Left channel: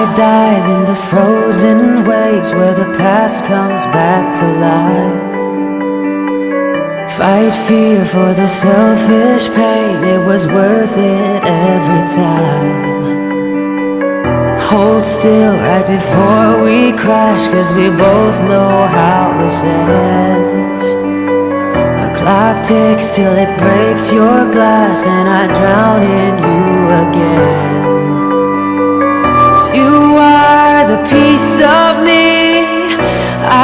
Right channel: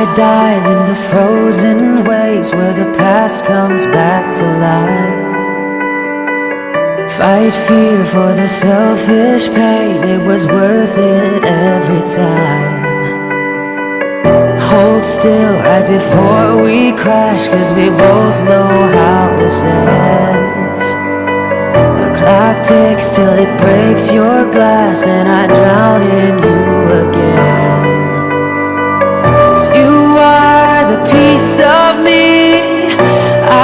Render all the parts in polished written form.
I dive in the frozen waves where the past comes back to life. Fight fear for the selfish pain, it was worth it every time. Hold still right before we crash, 'cause we both know how this ends. The clock ticks till it breaks your glass, and I drown in you again. 'Cause you are the piece of me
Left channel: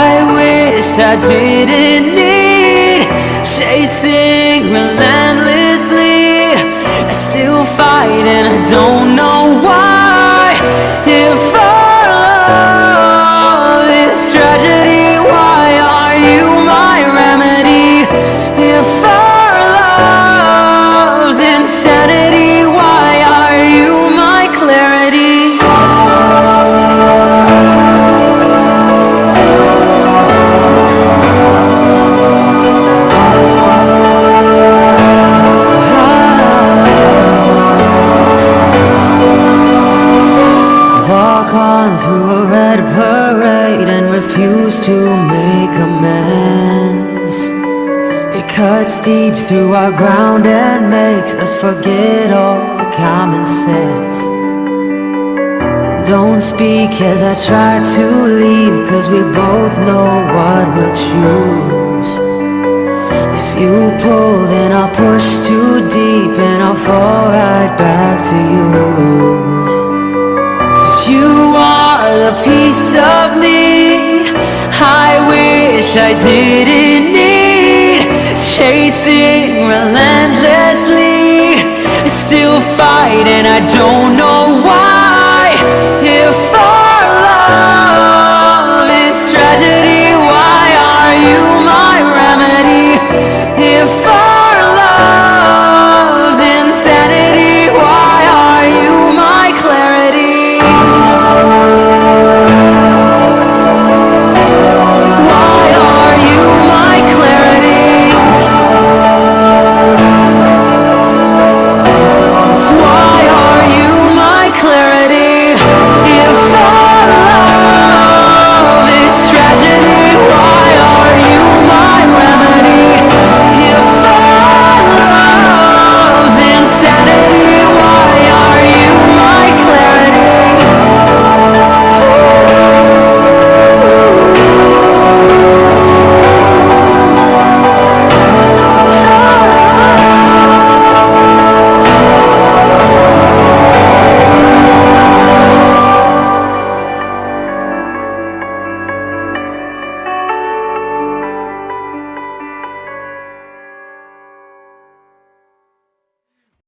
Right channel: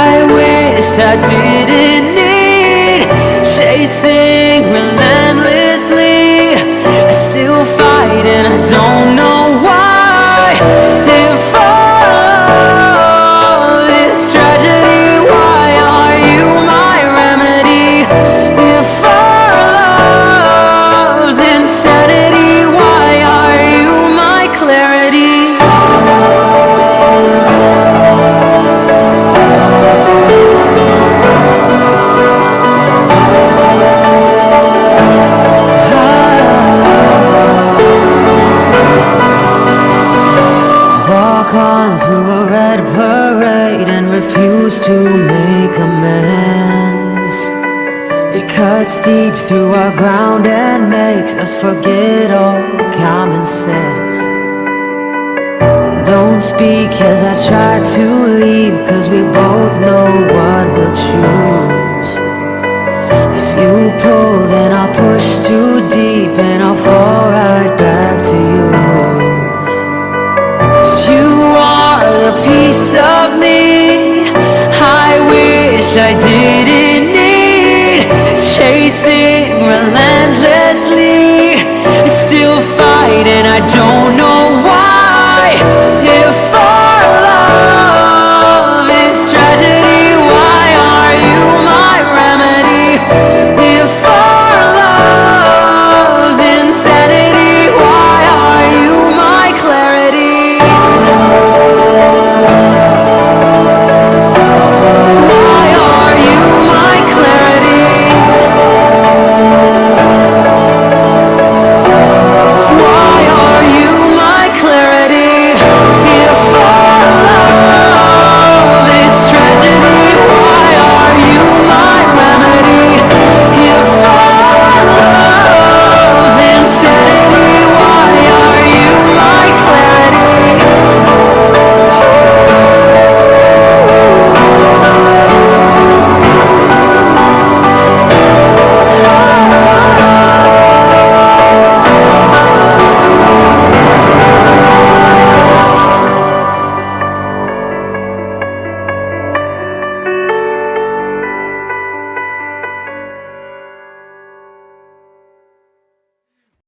I wish I didn't need. Chasing relentlessly, I still fight and I don't know why. If our love is tragedy, why are you my remedy? If our love's insanity, why are you my clarity? Walk on through a red parade and refuse to make amends. It cuts deep through our ground and makes us forget all common sense. Don't speak as I try to leave, 'cause we both know what we'll choose. If you pull, then I'll push too deep and I'll fall right back to you. You are the piece of me I wish I didn't need. Chasing relentlessly, I still fight and I don't know why.